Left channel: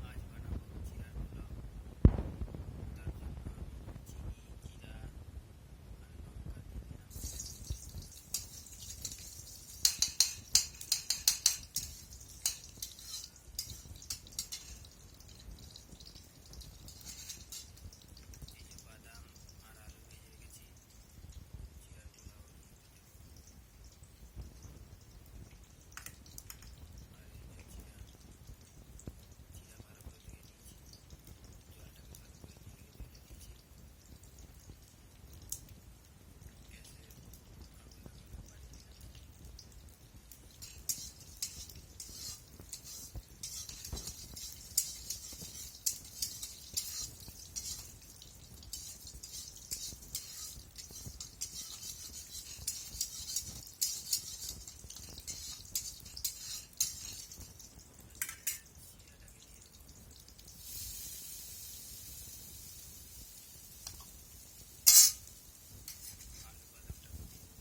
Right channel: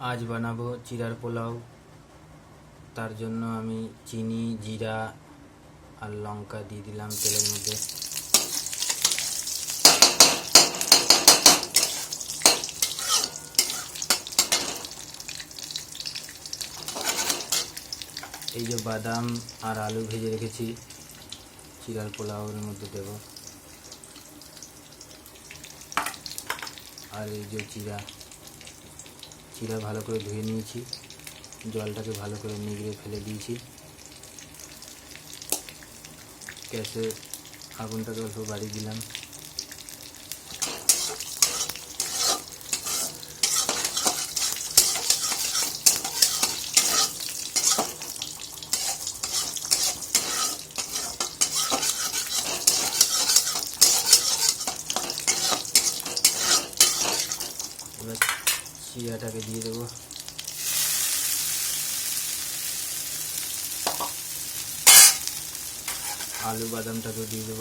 आज बनाबो चिरार पोलाव। तार जन्य आमी चीनी जीरा और लंका दिए दिलाम तेलेर मध्य। এই যে বাদাম আর আলু ভেজে রেখেছি চিরার পোলাওয়ের মধ্যে দেব। আর এই যে চিরা ভালো করে ধুয়ে নিয়েছি, জলটাকে ভালো করে নিগড়ে ফেলে দিয়েছি। গ্যাসে আগুনটাকে অল্প বাড়িয়ে দিলাম। এবার চিরাটাকে দিয়ে দেবো। आलू बादामटाके दिए देव।